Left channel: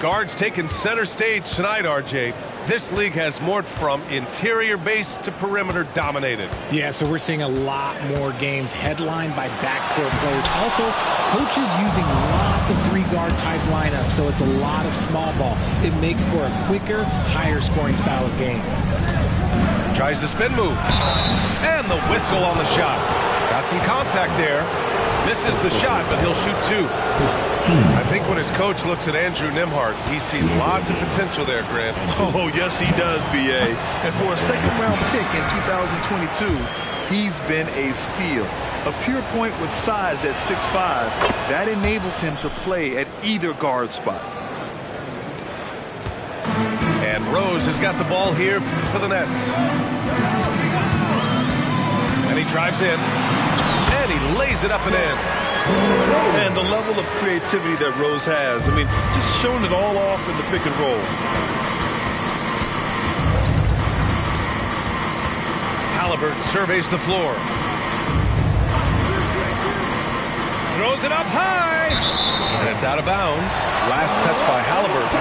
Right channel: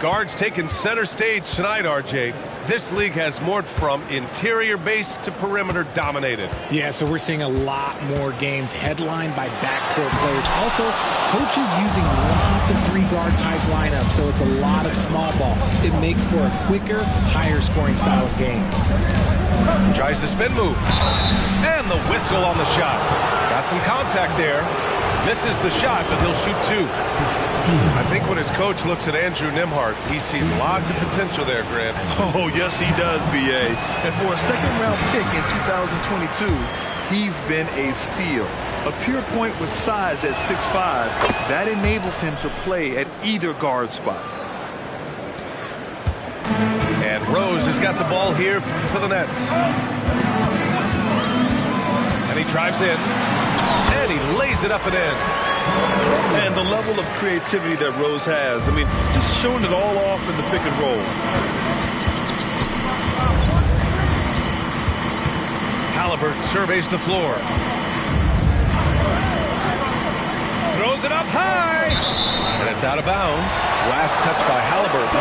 Guards taking center stage tonight, RJ. This league has morphed from interior base to perimeter dominated. Yeah, so we're seeing a lot more games headlined by backcourt players. Also, coaches using lots of three-guard type lineups, so it's a lot of small ball. It makes for a quicker, higher scoring style of game. Tries the spin move. And the whistle on the shot. Got some contact there. Misses the shot, but he'll shoot two. I think when his coach looks at Andrew Nembhard, he sees lots of potential there, Grant. Oh, yes, he does, B.A. And for a second-round pick in 2022, he's been a steal. A pure point with size at 6'5", that enables him to play at either guard spot. And Rose has got the ball here for the Nets. And he drives in. And he lays it up and in. And the level of creativity that Rose has, I mean, just showing it all off in the pick and roll. Haliburton surveys the floor. Throws it up high. And it's out of bounds. Last touch by Haliburton.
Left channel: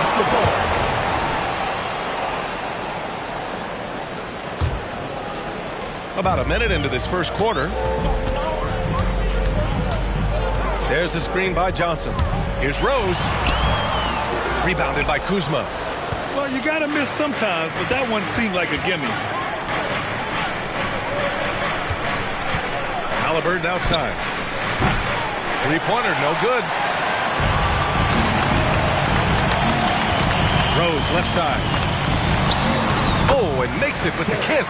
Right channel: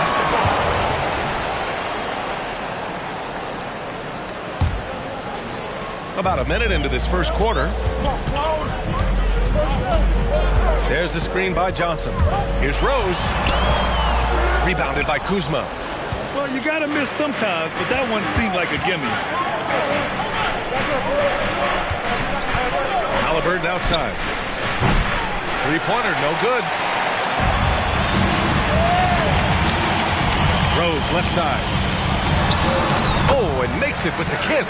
About a minute into this first quarter. There's the screen by Johnson. Here's Rose. Rebounded by Kuzma. Well, you got to miss sometimes, but that one seemed like a gimme. Haliburton outside. Three-pointer, no good. Rose left side. Oh, and makes it with the kiss.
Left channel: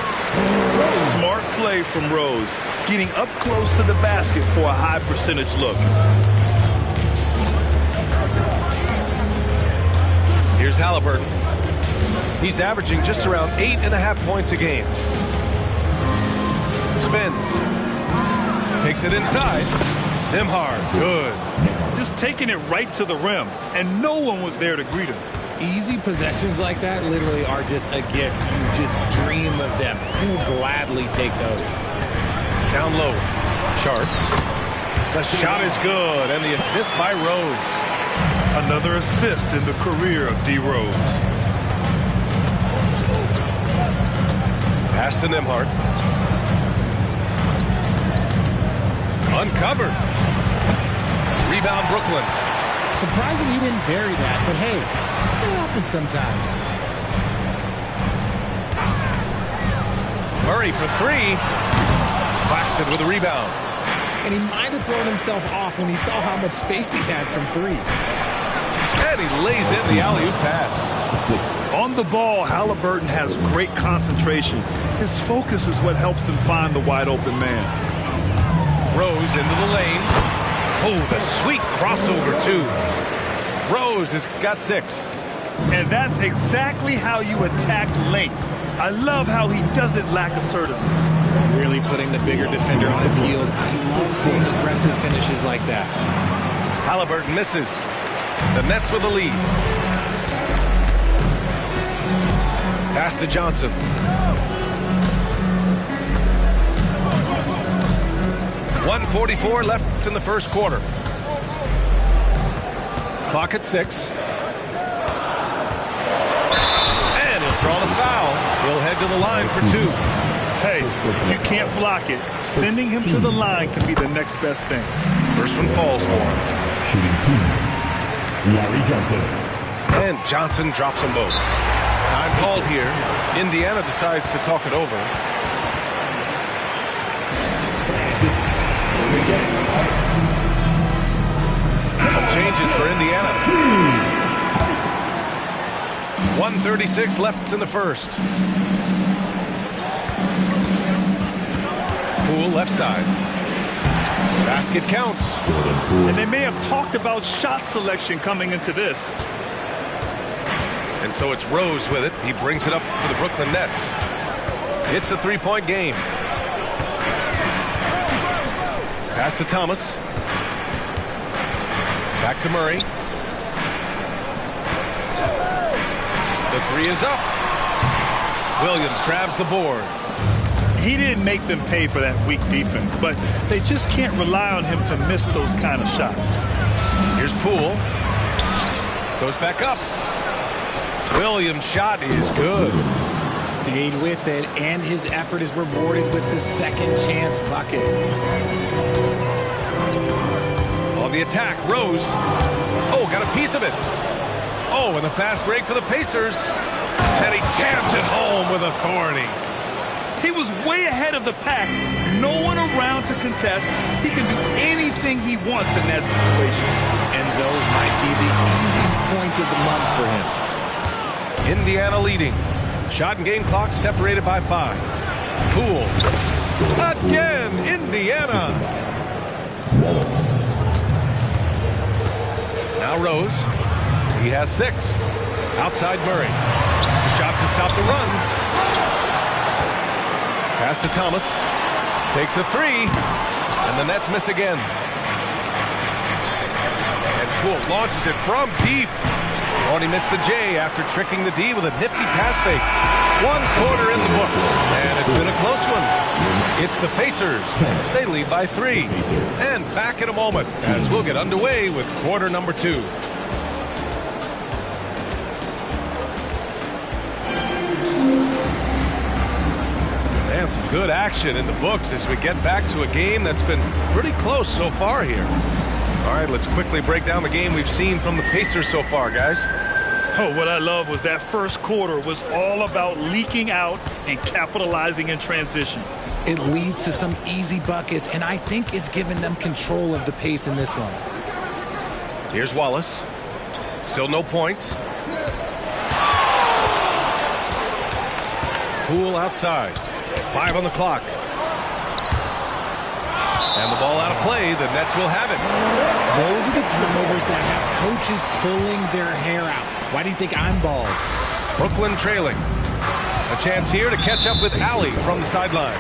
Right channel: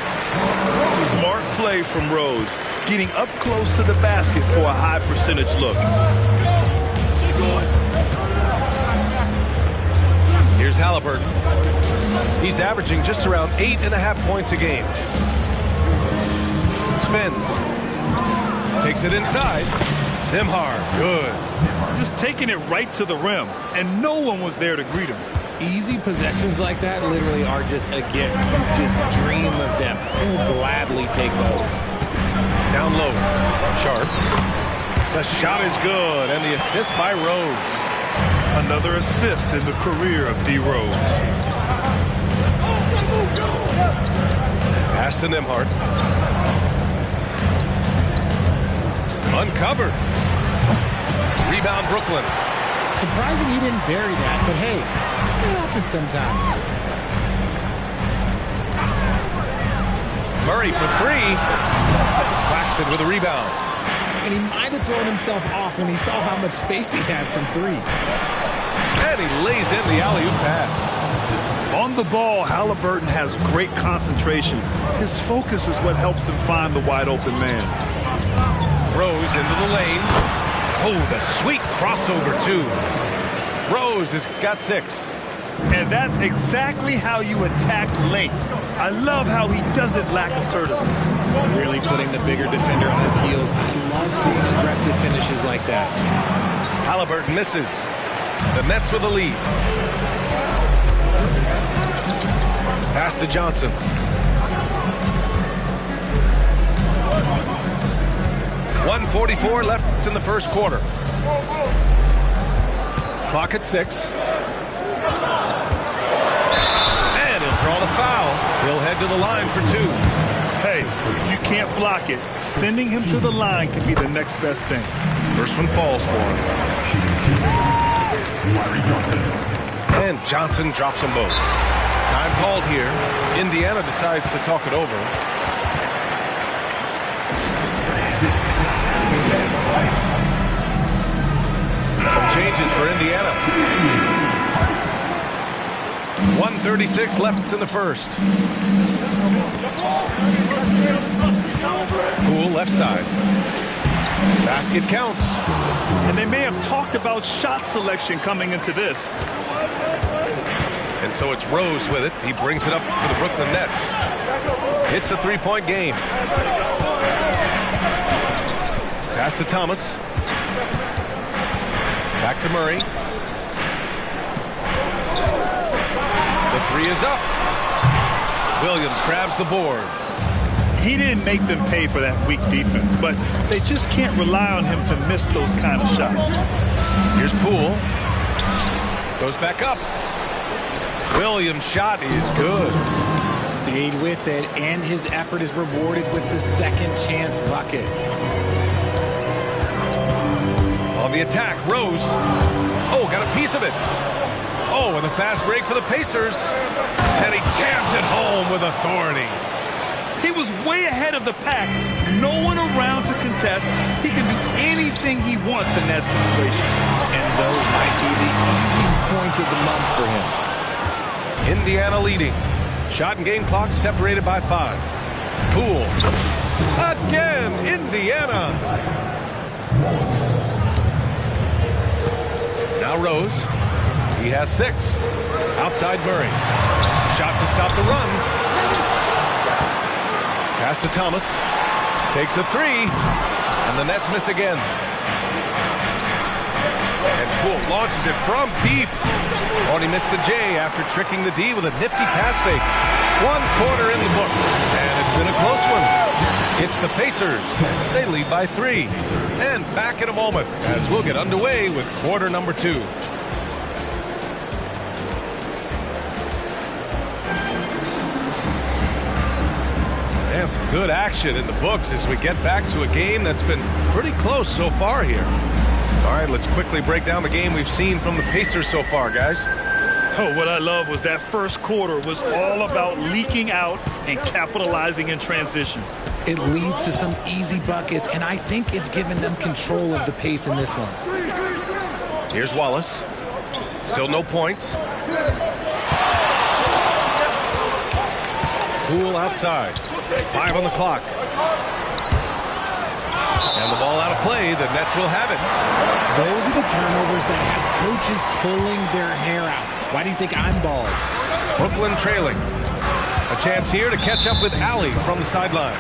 Smart play from Rose, getting up close to the basket for a high percentage look. Here's Haliburton. He's averaging just around 8.5 points a game. Spins. Takes it inside. Nembhard, good. Just taking it right to the rim, and no one was there to greet him. Easy possessions like that literally are just a gift. You just dream of them. You'll gladly take those. Down low. Sharp. The shot is good, and the assist by Rose. Another assist in the career of D. Rose. Pass to Nembhard. Uncovered. Rebound Brooklyn. Surprising he didn't bury that, but hey, it happens sometimes. Murray for three. Claxton with a rebound. And he might have thrown himself off when he saw how much space he had from three. And he lays in the alley-oop pass. On the ball, Haliburton has great concentration. His focus is what helps him find the wide-open man. Rose into the lane. Oh, the sweet crossover, too. Rose has got 6. And that's exactly how you attack length. I love how he doesn't lack assertiveness. Really putting the bigger defender on his heels. I love seeing aggressive finishes like that. Haliburton misses. The Nets with the lead. Pass to Johnson. .144 left in the first quarter. Clock at 6. And he'll draw the foul. He'll head to the line for 2. Hey, if you can't block it, sending him to the line can be the next best thing. First one falls for him. Larry Johnson. And Johnson drops them both. Time called here. Indiana decides to talk it over. Some changes for Indiana. 1:36 left in the first. Poole left side. Basket counts. And they may have talked about shot selection coming into this. And so it's Rose with it. He brings it up for the Brooklyn Nets. It's a three-point game. Pass to Thomas. Back to Murray. The three is up. Williams grabs the board. He didn't make them pay for that weak defense, but they just can't rely on him to miss those kind of shots. Here's Poole. Goes back up. Williams' shot is good. Stayed with it, and his effort is rewarded with the second chance bucket. On the attack, Rose. Oh, got a piece of it. Oh, and the fast break for the Pacers. And he jams it home with authority. He was way ahead of the pack. No one around to contest. He can do anything he wants in that situation. And those might be the easiest points of the month for him. Indiana leading. Shot and game clock separated by 5. Poole. Again, Indiana. Now Rose. He has 6. Outside Murray. The shot to stop the run. Pass to Thomas. Takes a 3. And the Nets miss again. And Poole launches it from deep. Oh, he missed the J after tricking the D with a nifty pass fake. 1 quarter in the books. And it's been a close one. It's the Pacers. They lead by 3. And back in a moment as we'll get underway with quarter number 2. And some good action in the books as we get back to a game that's been pretty close so far here. All right, let's quickly break down the game we've seen from the Pacers so far, guys. Oh, what I love was that first quarter was all about leaking out and capitalizing in transition. It leads to some easy buckets, and I think it's given them control of the pace in this one. Here's Wallace. Still no points. Poole outside. 5 on the clock. And the ball out of play. The Nets will have it. Those are the turnovers that have coaches pulling their hair out. Why do you think I'm bald? Brooklyn trailing. A chance here to catch up with Allie from the sideline.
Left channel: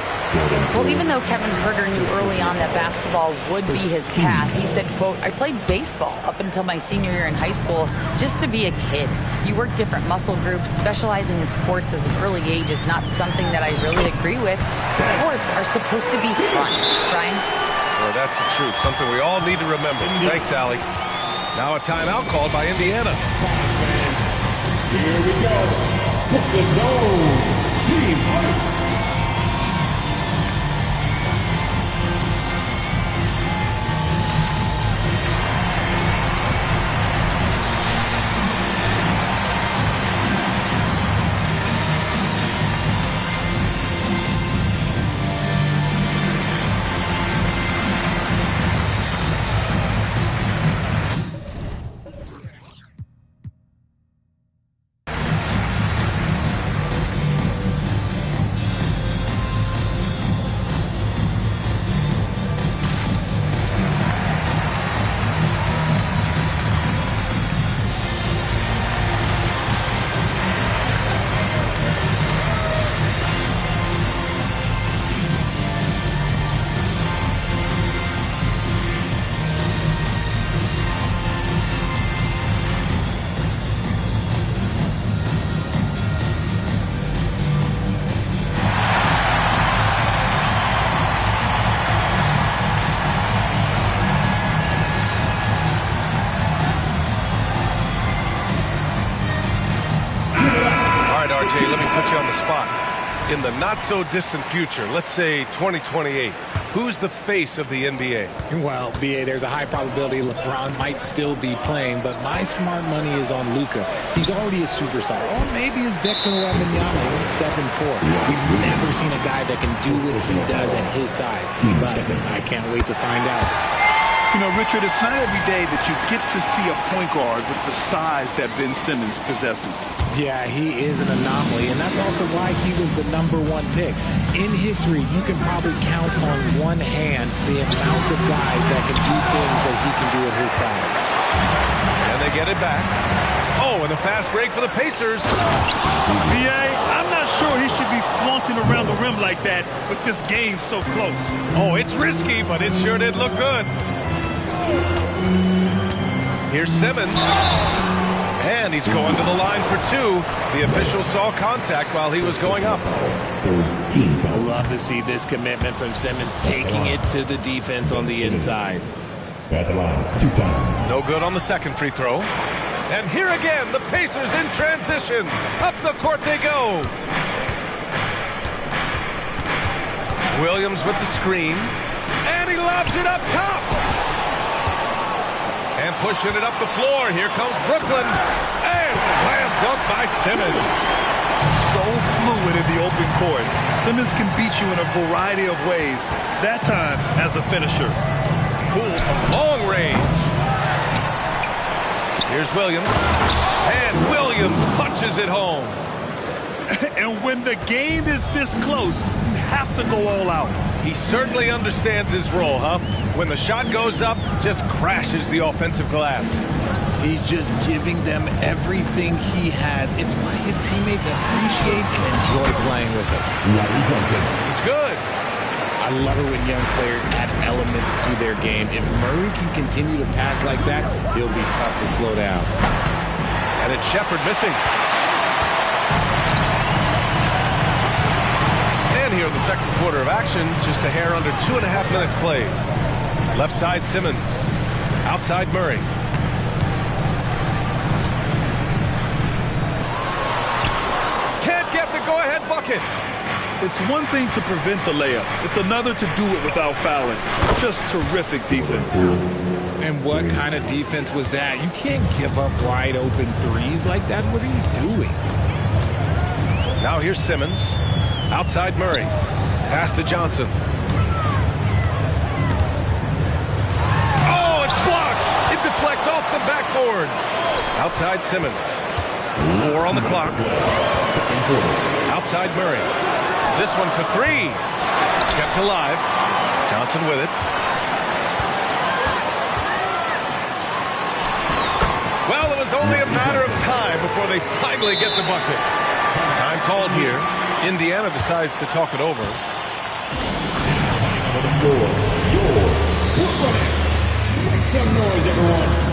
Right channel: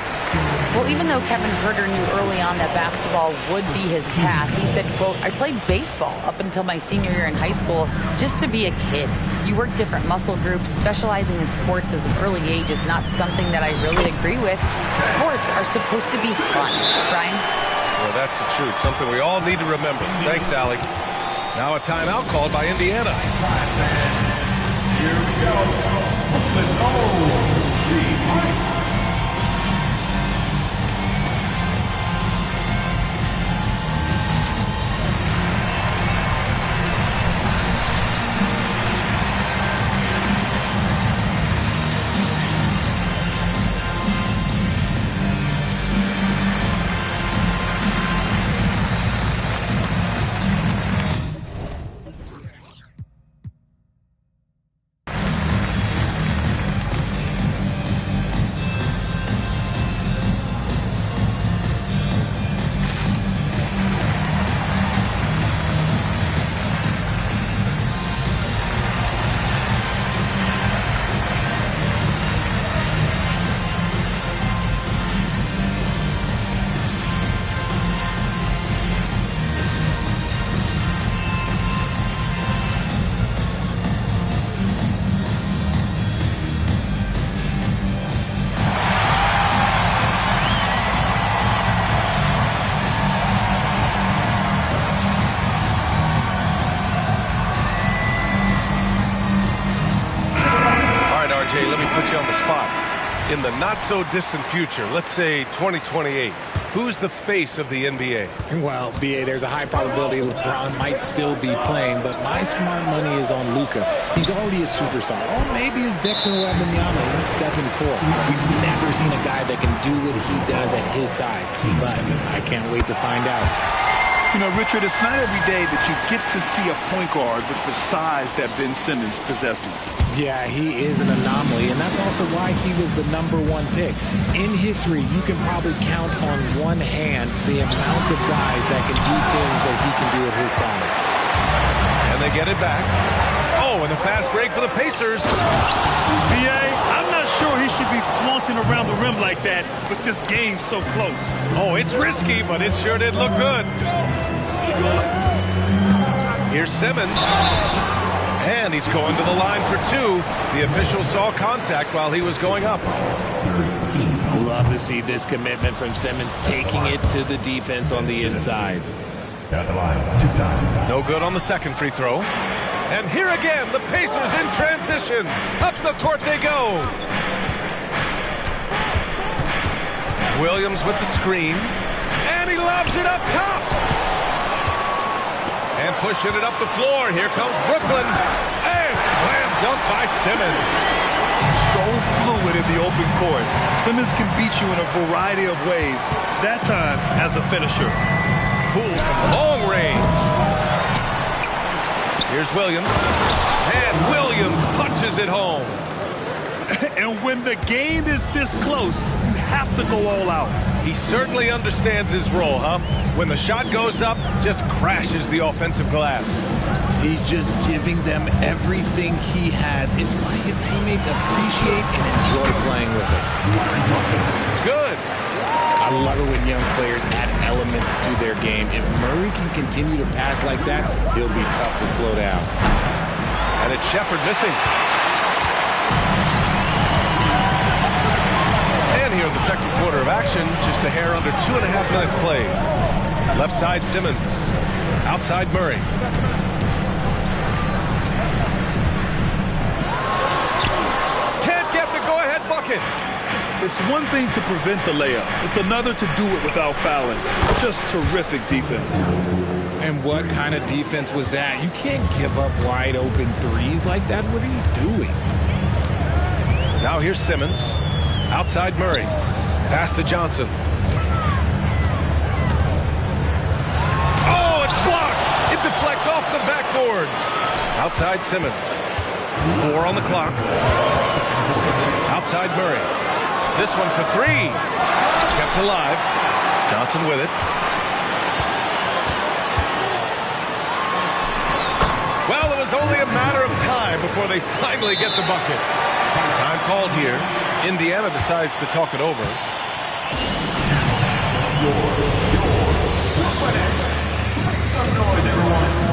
Well, even though Kevin Huerter knew early on that basketball would be his path, he said, quote, I played baseball up until my senior year in high school just to be a kid. You work different muscle groups. Specializing in sports as an early age is not something that I really agree with. Sports are supposed to be fun. Brian? Well, that's the truth. Something we all need to remember. Thanks, Allie. Now a timeout called by Indiana. Here we go. Brooklyn Zone. Team fight. RJ, let me put you on the spot. In the not-so-distant future, let's say 2028, who's the face of the NBA? Well, B.A., there's a high probability LeBron might still be playing, but my smart money is on Luka. He's already a superstar. Or maybe it's Victor Wembanyama. He's 7'4". We've never seen a guy that can do what he does at his size, but I can't wait to find out. You know, Richard, it's not every day that you get to see a point guard with the size that Ben Simmons possesses. Yeah, he is an anomaly, and that's also why he was the #1 pick. In history, you can probably count on one hand the amount of guys that can do things that he can do at his size. And they get it back. Oh, and a fast break for the Pacers. B.A., I'm not sure he should be flaunting around the rim like that with this game so close. Oh, it's risky, but it sure did look good. Here's Simmons. And he's going to the line for 2. The official saw contact while he was going up. Love to see this commitment from Simmons, taking it to the defense on the inside. At the line, 2 times. No good on the second free throw. And here again, the Pacers in transition. Up the court they go. Williams with the screen. And he lobs it up top. And pushing it up the floor. Here comes Brooklyn. And slam dunk by Simmons. So fluid in the open court. Simmons can beat you in a variety of ways. That time as a finisher. Cool from long range. Here's Williams. And Williams punches it home. And when the game is this close, you have to go all out. He certainly understands his role, huh? When the shot goes up, just crashes the offensive glass. He's just giving them everything he has. It's why his teammates appreciate and enjoy playing with him. It's good. I love it when young players add elements to their game. If Murray can continue to pass like that, he'll be tough to slow down. And it's Shepherd missing. And here in the second quarter of action, just a hair under 2.5 minutes played. Left side Simmons. Outside Murray. Can't get the go-ahead bucket. It's one thing to prevent the layup. It's another to do it without fouling. Just terrific defense. And what kind of defense was that? You can't give up wide open threes like that. What are you doing? Now here's Simmons. Outside Murray. Pass to Johnson. Oh, it's blocked. It deflects off the backboard. Outside Simmons. 4 on the clock. Outside Murray. This one for 3. Kept alive. Johnson with it. Well, it was only a matter of time before they finally get the bucket. Time called here. Indiana decides to talk it over. Make some noise, everyone.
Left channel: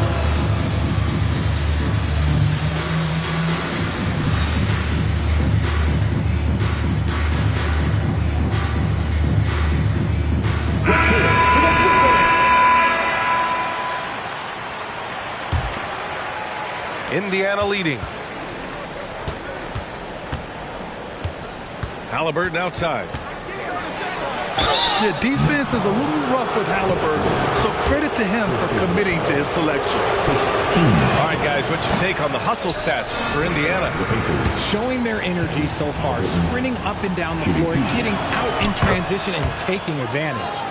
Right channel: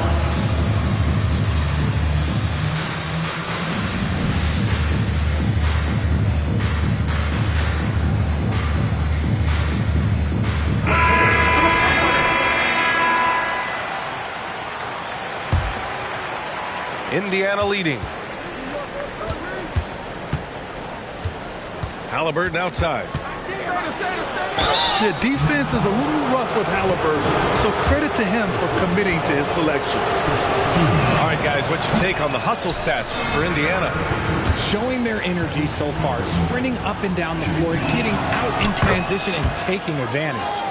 Indiana leading. Halliburton outside. The defense is a little rough with Halliburton, so credit to him for committing to his selection. All right, guys, what's your take on the hustle stats for Indiana? Showing their energy so far, sprinting up and down the floor, getting out in transition and taking advantage.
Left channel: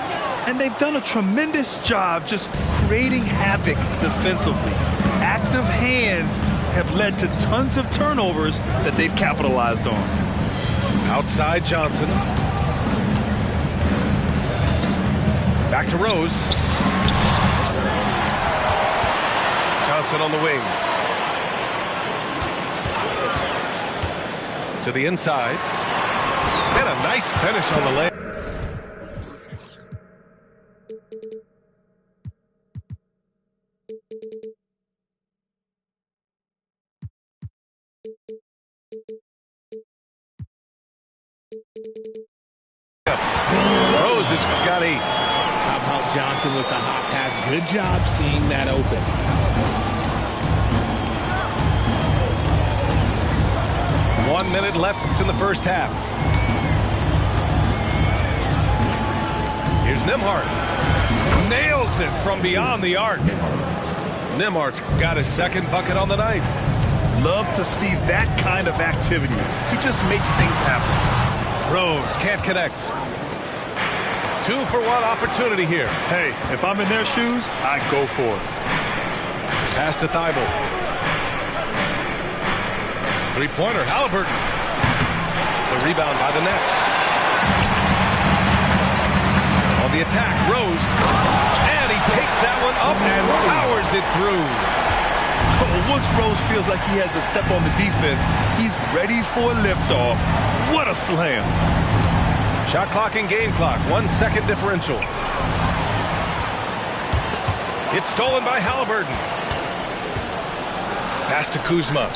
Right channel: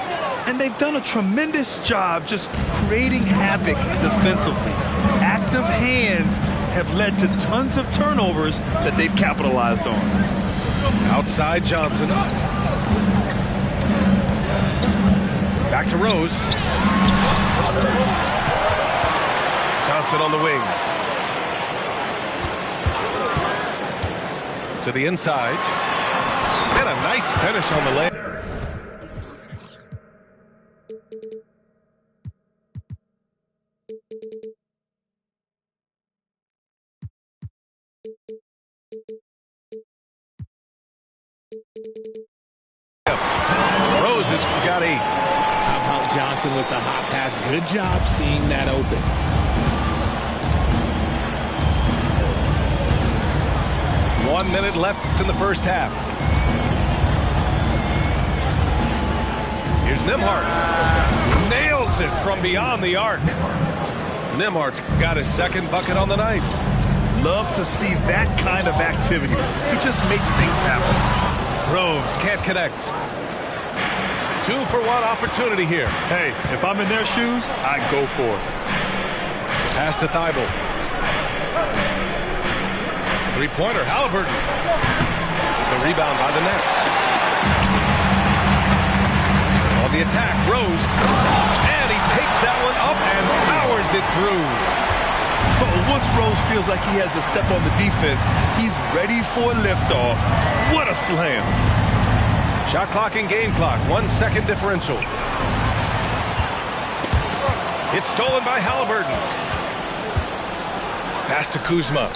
And they've done a tremendous job just creating havoc defensively. Active hands have led to tons of turnovers that they've capitalized on. Outside Johnson. Back to Rose. Johnson on the wing. To the inside. And a nice finish on the leg. Rose has got 8. How about Johnson with the hot pass? Good job seeing that open. One minute left in the first half. Here's Nembhard. Nails it from beyond the arc. Nembhard's got his second bucket on the night. Love to see that kind of activity. He just makes things happen. Rose can't connect. 2-for-1 opportunity here. Hey, if I'm in their shoes, I go for it. Pass to Thibault. Three-pointer, Halliburton. The rebound by the Nets. On the attack, Rose. And he takes that one up and powers it through. Once Rose feels like he has to step on the defense, he's ready for a liftoff. What a slam. Shot clock and game clock, 1 second differential. It's stolen by Halliburton. Pass to Kuzma.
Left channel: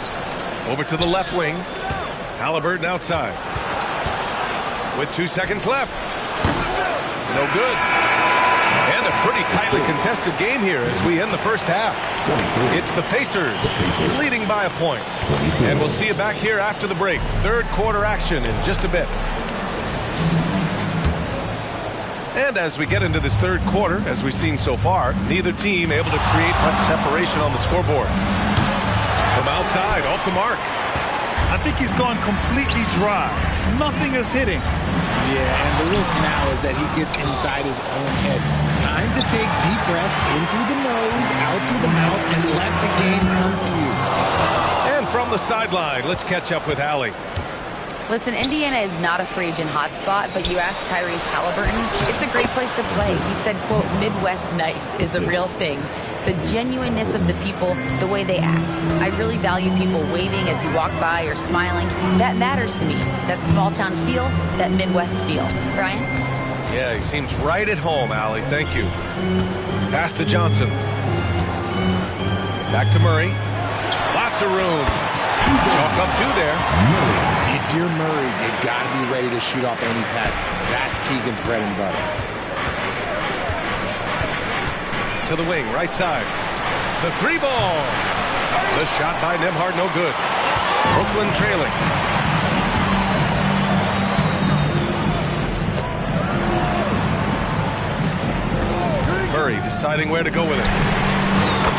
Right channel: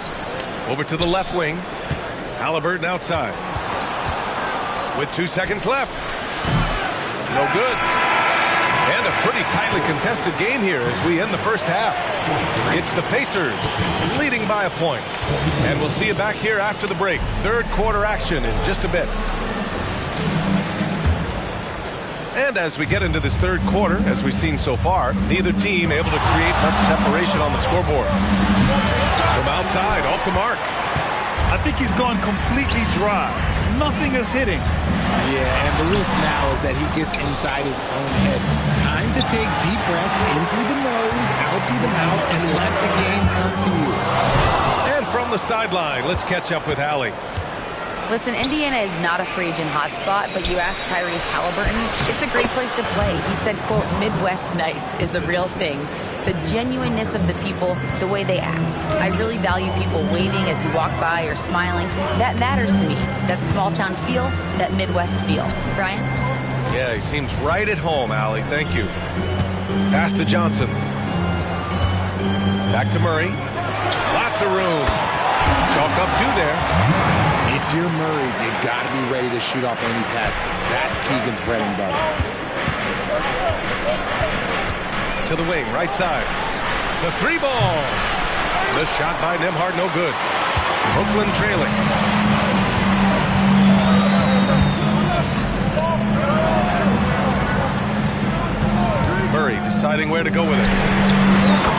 Over to the left wing. Halliburton outside. With 2 seconds left. No good. And a pretty tightly contested game here as we end the first half. It's the Pacers leading by a point. And we'll see you back here after the break. Third quarter action in just a bit. And as we get into this third quarter, as we've seen so far, neither team able to create much separation on the scoreboard. From outside, off the mark. I think he's gone completely dry. Nothing is hitting. Yeah, and the risk now is that he gets inside his own head. Time to take deep breaths in through the nose, out through the mouth, and let the game come to you. And from the sideline, let's catch up with Allie. Listen, Indiana is not a free agent hotspot, but you ask Tyrese Halliburton, it's a great place to play. He said, quote, Midwest nice is a real thing. The genuineness of the people, the way they act. I really value people waving as you walk by or smiling. That matters to me. That small town feel, that Midwest feel. Brian? Yeah, he seems right at home, Allie. Thank you. Pass to Johnson. Back to Murray. Lots of room. Chalk up two there. If you're Murray, you got to be ready to shoot off any pass. That's Keegan's bread and butter. To the wing, right side. The three ball. The shot by Nembhard, no good. Brooklyn trailing. Murray deciding where to go with it.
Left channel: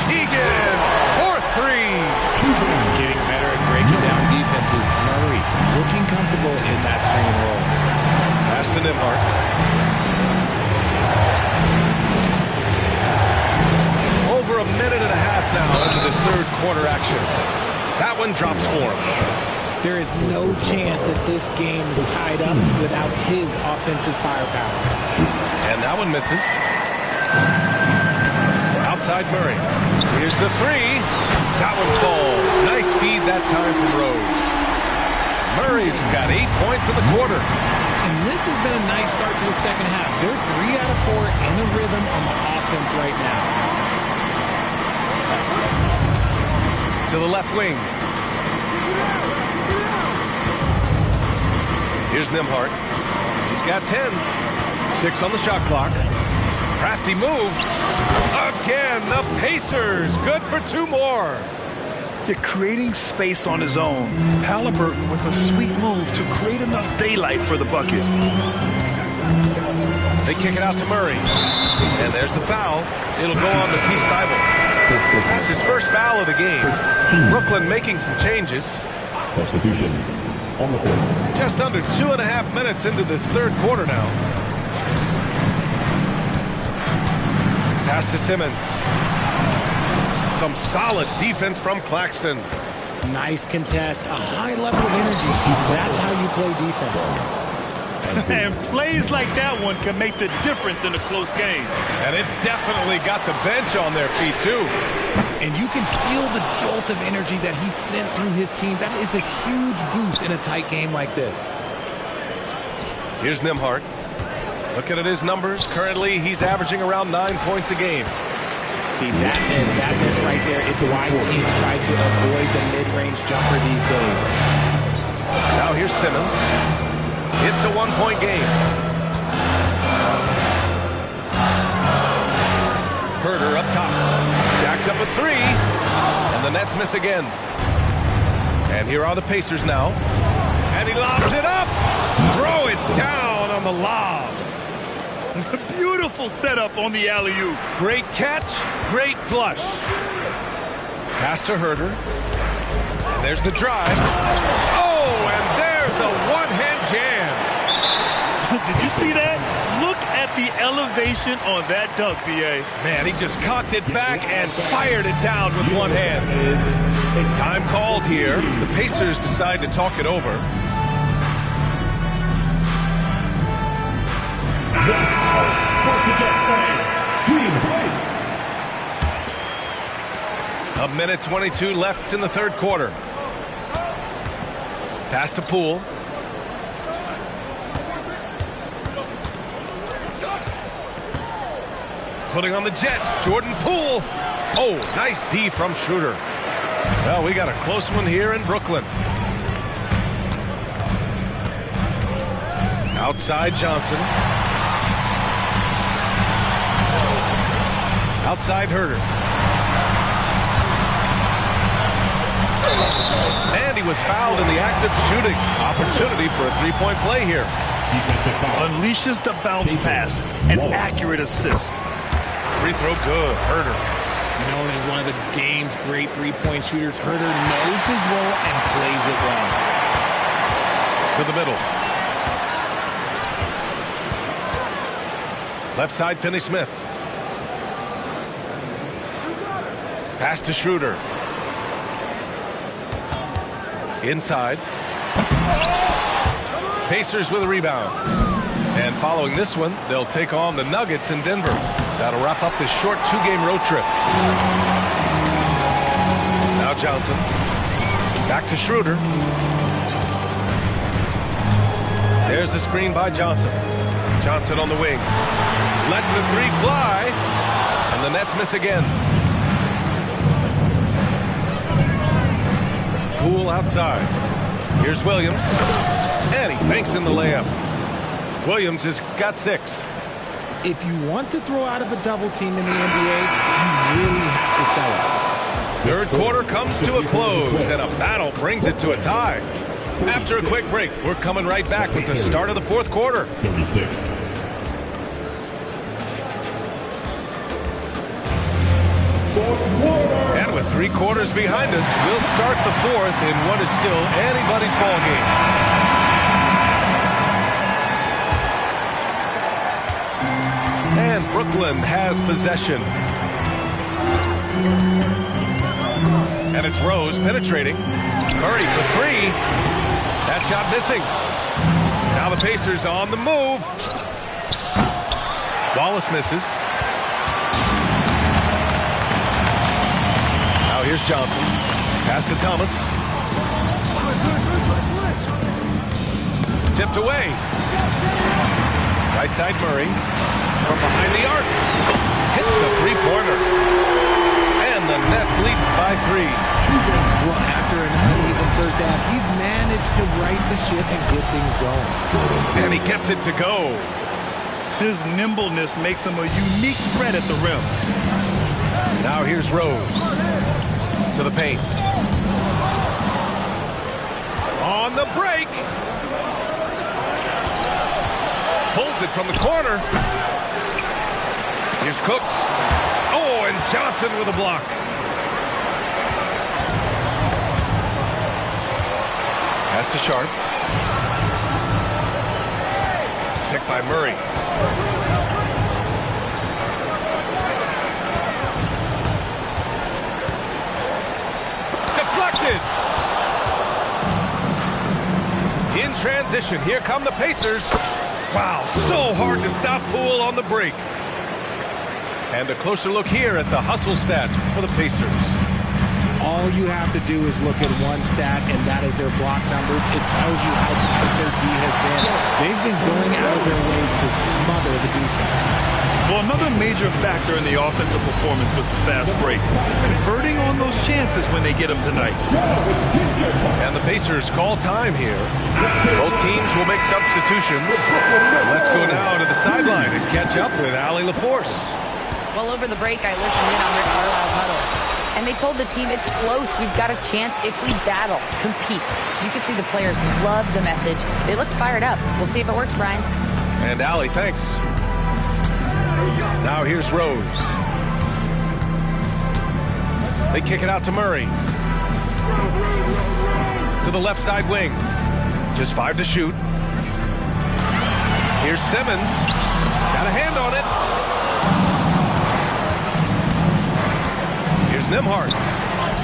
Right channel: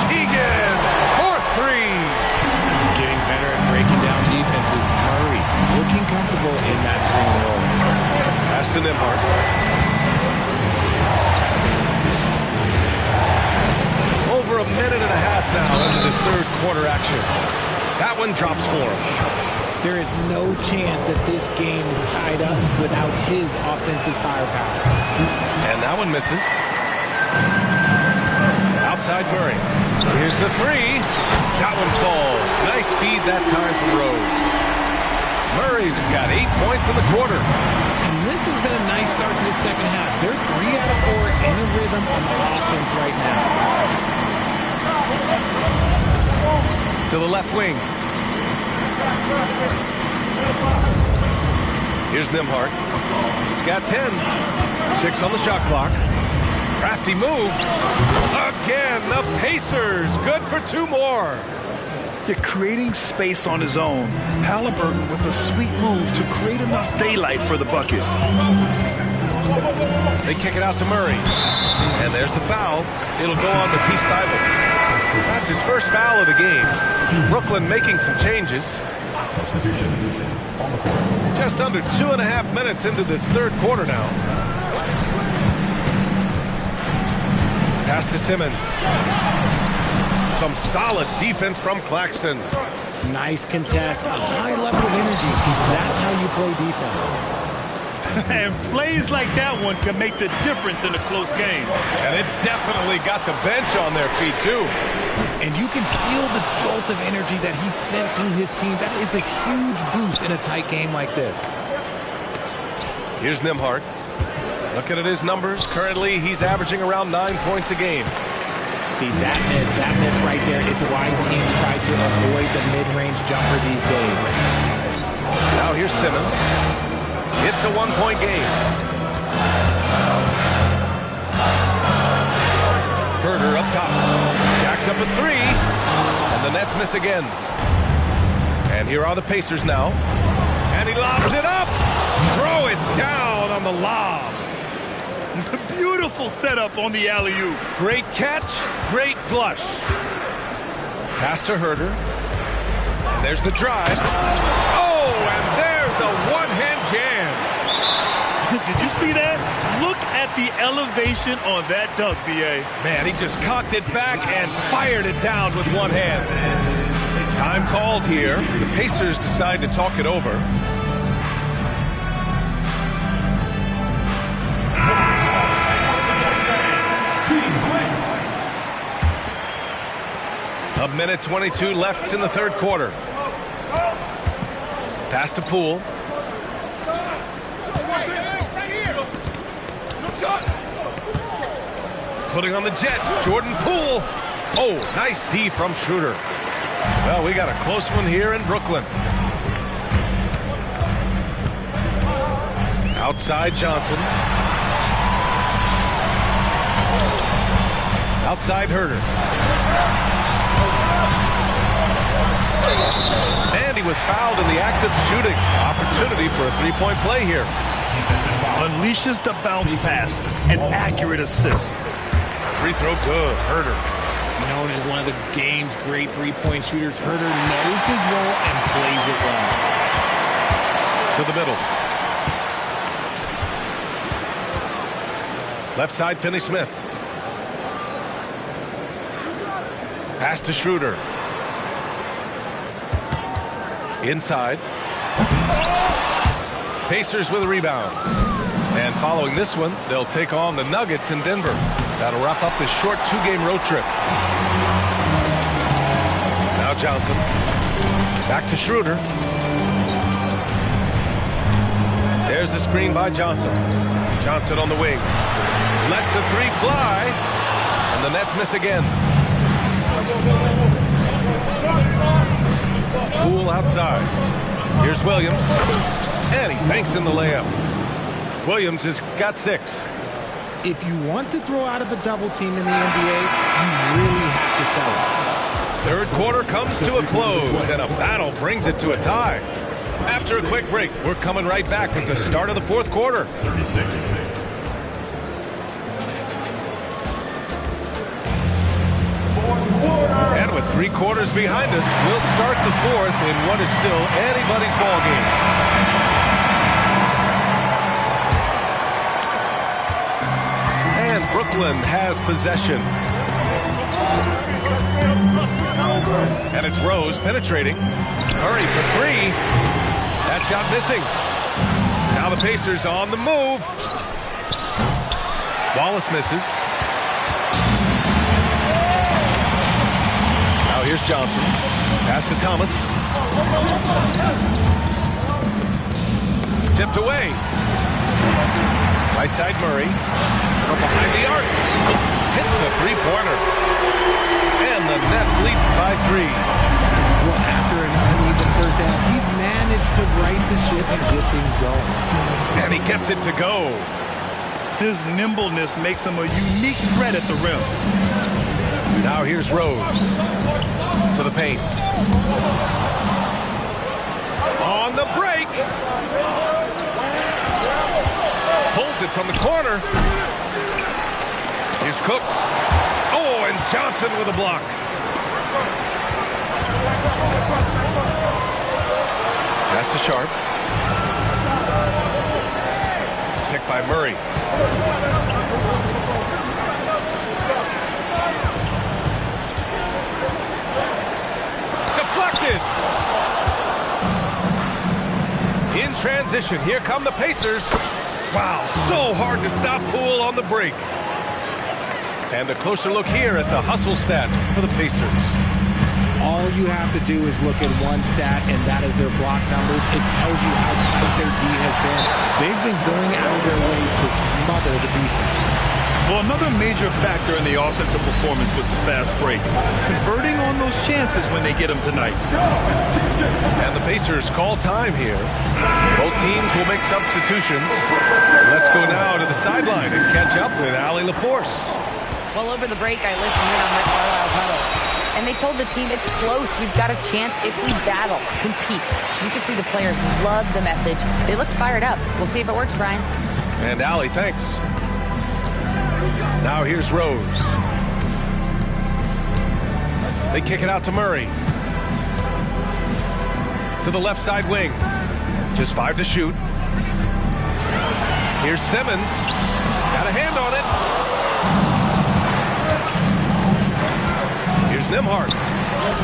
Keegan, 4-3. Getting better at breaking down defenses. Murray looking comfortable in that screen and roll. Pass to Nembhard. Over a minute and a half now into this third quarter action. That one drops for him. There is no chance that this game is tied up without his offensive firepower. And that one misses. Outside Murray. Here's the three. That one falls. Nice feed that time from Rose. Murray's got 8 points in the quarter. And this has been a nice start to the second half. They're 3 out of 4 in a rhythm on the offense right now. To the left wing. Here's Nembhard. He's got 10. 6 on the shot clock. Crafty move. Again, the Pacers. Good for 2 more. You're creating space on his own. Halliburton with a sweet move to create enough daylight for the bucket. They kick it out to Murray. And there's the foul. It'll go on Matisse Thybulle. That's his first foul of the game. Brooklyn making some changes. Substitutions on the court. Just under 2.5 minutes into this third quarter now. Pass to Simmons. Some solid defense from Claxton. Nice contest, a high level of energy. That's how you play defense. And plays like that one can make the difference in a close game. And it definitely got the bench on their feet, too. And you can feel the jolt of energy that he sent through his team. That is a huge boost in a tight game like this. Here's Nembhard. Looking at his numbers, currently he's averaging around 9 points a game. See, that miss right there, it's why teams try to avoid the mid-range jumper these days. Now here's Simmons. It's a 1-point game. Herder up top. Jacks up a 3. And the Nets miss again. And here are the Pacers now. And he lobs it up. Throw it down on the lob. Beautiful setup on the alley-oop. Great catch, great flush. Pass to Herder. And there's the drive. Oh, and there's a one-hand jam. Did you see that? Look at the elevation on that dunk, B.A. Man, he just cocked it back and fired it down with one hand. Time called here. The Pacers decide to talk it over. A minute 22 left in the third quarter. Pass to Poole. Putting on the Jets, Jordan Poole. Oh, nice D from Schroeder. Well, we got a close one here in Brooklyn. Outside Johnson. Outside Herder. And he was fouled in the act of shooting. Opportunity for a three-point play here. Unleashes the bounce pass. An accurate assist. Free throw good. Herder. Known as one of the game's great three-point shooters, Herder knows his role and plays it well. To the middle. Left side, Finney-Smith. Pass to Schroeder. Inside. Pacers with a rebound. And following this one, they'll take on the Nuggets in Denver. That'll wrap up this short two-game road trip. Now Johnson. Back to Schroeder. There's a screen by Johnson. Johnson on the wing. Lets the three fly. And the Nets miss again. Poole outside. Here's Williams. And he banks in the layup. Williams has got 6. If you want to throw out of a double team in the NBA, you really have to sell it. Third quarter comes to a close, and a battle brings it to a tie. After a quick break, we're coming right back with the start of the fourth quarter. 36. And with 3 quarters behind us, we'll start the fourth in what is still anybody's ball game. And Brooklyn has possession. And it's Rose penetrating. Murray for 3. That shot missing. Now the Pacers on the move. Wallace misses. Now here's Johnson. Pass to Thomas. Tipped away. Right side Murray. From behind the arc. Hits the three-pointer. And the Nets lead by 3. Well, after an uneven first half, he's managed to right the ship and get things going. And he gets it to go. His nimbleness makes him a unique threat at the rim. Now here's Rose. To the paint. On the break. Pulls it from the corner. Here's Cooks. Oh, and Johnson with a block. Pass to Sharp. Picked by Murray. Deflected. In transition, here come the Pacers. Wow, so hard to stop Poole on the break. And a closer look here at the hustle stats for the Pacers. All you have to do is look at one stat, and that is their block numbers. It tells you how tight their D has been. They've been going out of their way to smother the defense. Well, another major factor in the offensive performance was the fast break. Converting on those chances when they get them tonight. And the Pacers call time here. Both teams will make substitutions. Let's go now to the sideline and catch up with Allie LaForce. Well, over the break, I listened in on Rick Carlisle's huddle. And they told the team it's close. We've got a chance if we battle, compete. You could see the players love the message. They looked fired up. We'll see if it works, Brian. And Allie, thanks. Now here's Rose. They kick it out to Murray. To the left side wing. Just 5 to shoot. Here's Simmons. Got a hand on it. Here's Nembhard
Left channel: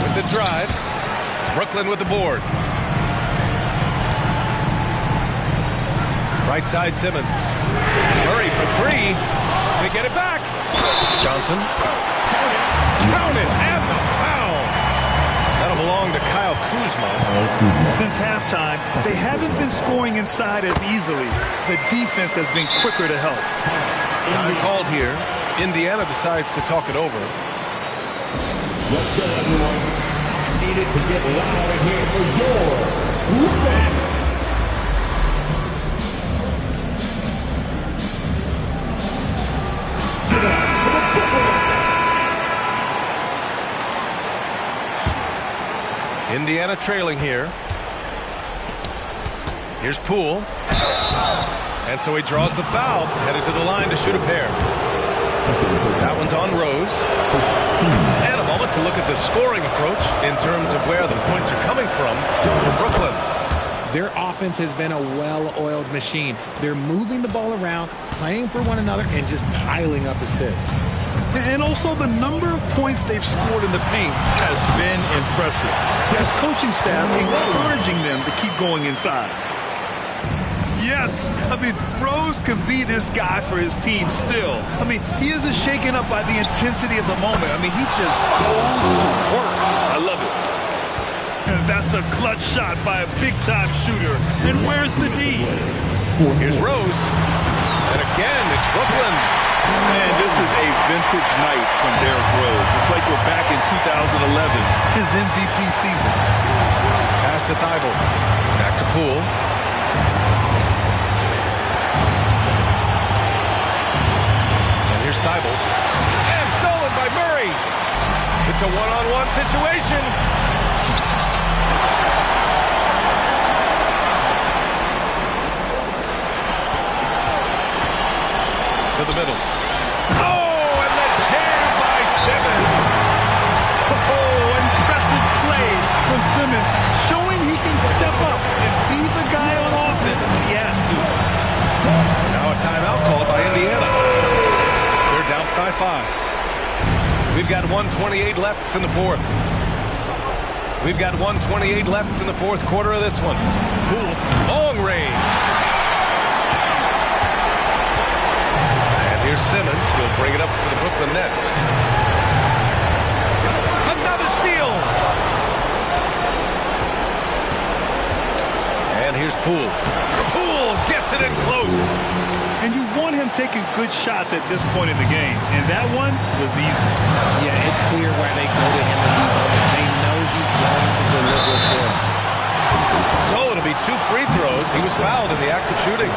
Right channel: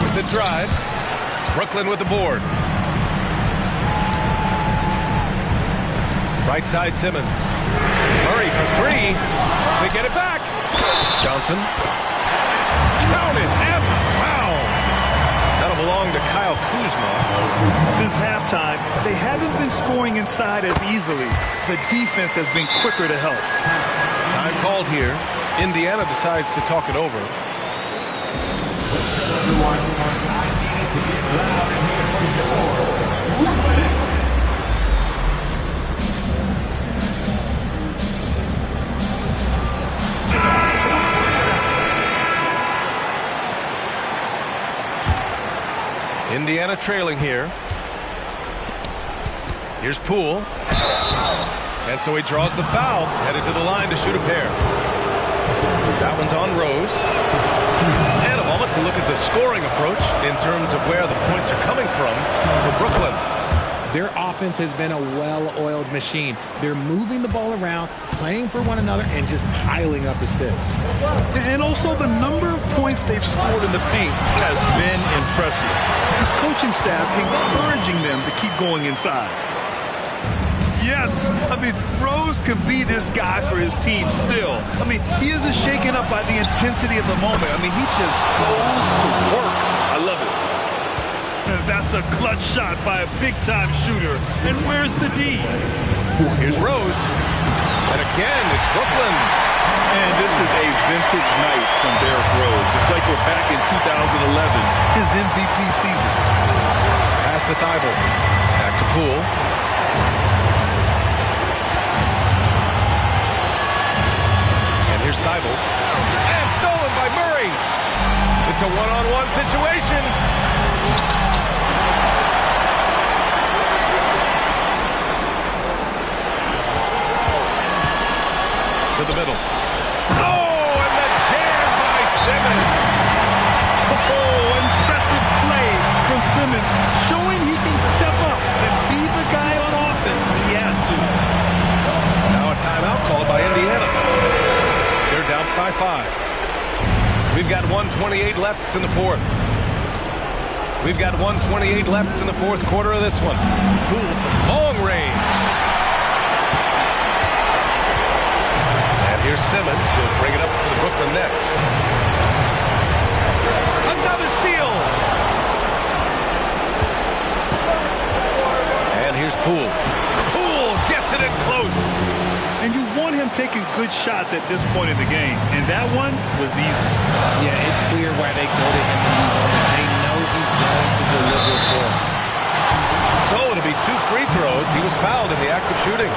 with the drive. Brooklyn with the board. Right side Simmons. Murray for 3. They get it back. Johnson. Count it, and the foul. That'll belong to Kyle Kuzma. Since halftime, they haven't been scoring inside as easily. The defense has been quicker to help. Time called here. Indiana decides to talk it over. What's up, everyone? I need it to get loud in here for your Rubens. Indiana trailing here. Here's Poole. And so he draws the foul, headed to the line to shoot a pair. That one's on Rose. And a moment to look at the scoring approach in terms of where the points are coming from for Brooklyn. Their offense has been a well-oiled machine. They're moving the ball around, playing for one another, and just piling up assists. And also the number of points they've scored in the paint has been impressive. His coaching staff encouraging them to keep going inside. Yes, I mean, Rose can be this guy for his team still. I mean, he isn't shaken up by the intensity of the moment. I mean, he just goes to work. I love it. And that's a clutch shot by a big-time shooter. And where's the D? Here's Rose. And again, it's Brooklyn. And this is a vintage night from Derrick Rose. It's like we're back in 2011, his MVP season. Pass to Thibault. Back to Poole. And here's Thibault. And stolen by Murray. It's a one-on-one situation. To the middle. Oh, and the jam by Simmons. Oh, impressive play from Simmons, showing he can step up and be the guy on offense when he has to. Now a timeout called by Indiana. They're down by 5. We've got 1:28 left in the fourth. We've got 1:28 left in the fourth quarter of this one. Poole from long range. Here's Simmons. He'll bring it up for the Brooklyn Nets. Another steal. And here's Poole. Poole gets it in close. And you want him taking good shots at this point in the game. And that one was easy. Yeah, it's clear why they go to him in these moments. They know he's going to deliver for them. So it'll be 2 free throws. He was fouled in the act of shooting.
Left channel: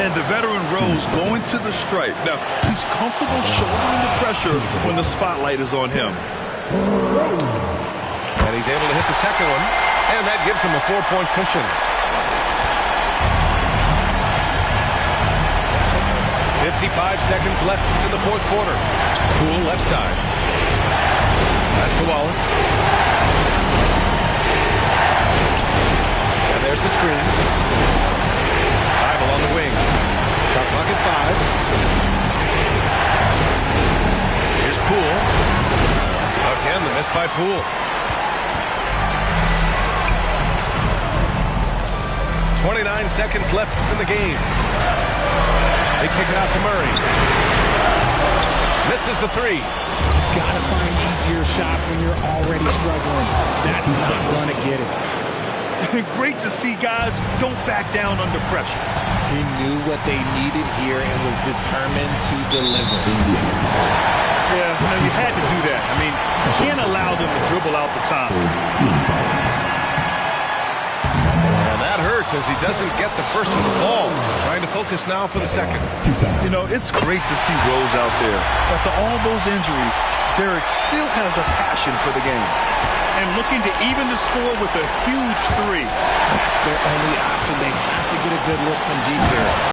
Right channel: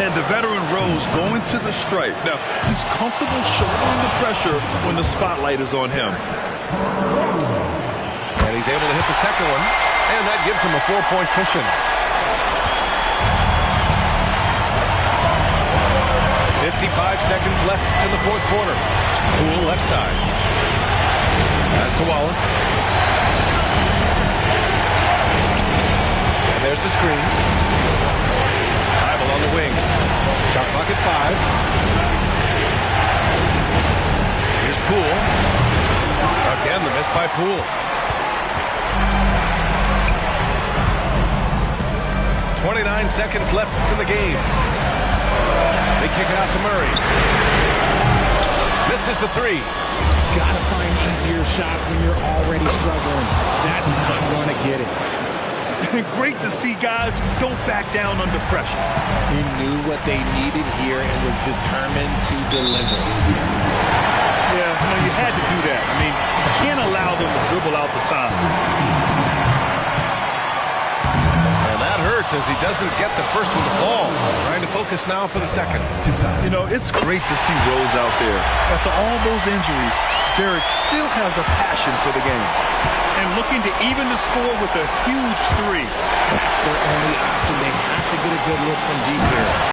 And the veteran Rose going to the stripe. Now, he's comfortable shouldering the pressure when the spotlight is on him. And he's able to hit the second one. And that gives him a 4-point cushion. 55 seconds left in the fourth quarter. Poole left side. Pass to Wallace. And there's the screen. Thibault on the wing. Shot clock at 5. Here's Poole. Again, the miss by Poole. 29 seconds left in the game. They kick it out to Murray. Misses the 3. Gotta find easier shots when you're already struggling. That's not gonna get it. Great to see guys who don't back down under pressure. He knew what they needed here and was determined to deliver. Yeah, you had to do that. I mean, you can't allow them to dribble out the time. And that hurts as he doesn't get the first one to fall. Trying to focus now for the second. It's great to see Rose out there. After all those injuries, Derrick still has a passion for the game. And looking to even the score with a huge 3. That's their only option. They have to get a good look from deep here.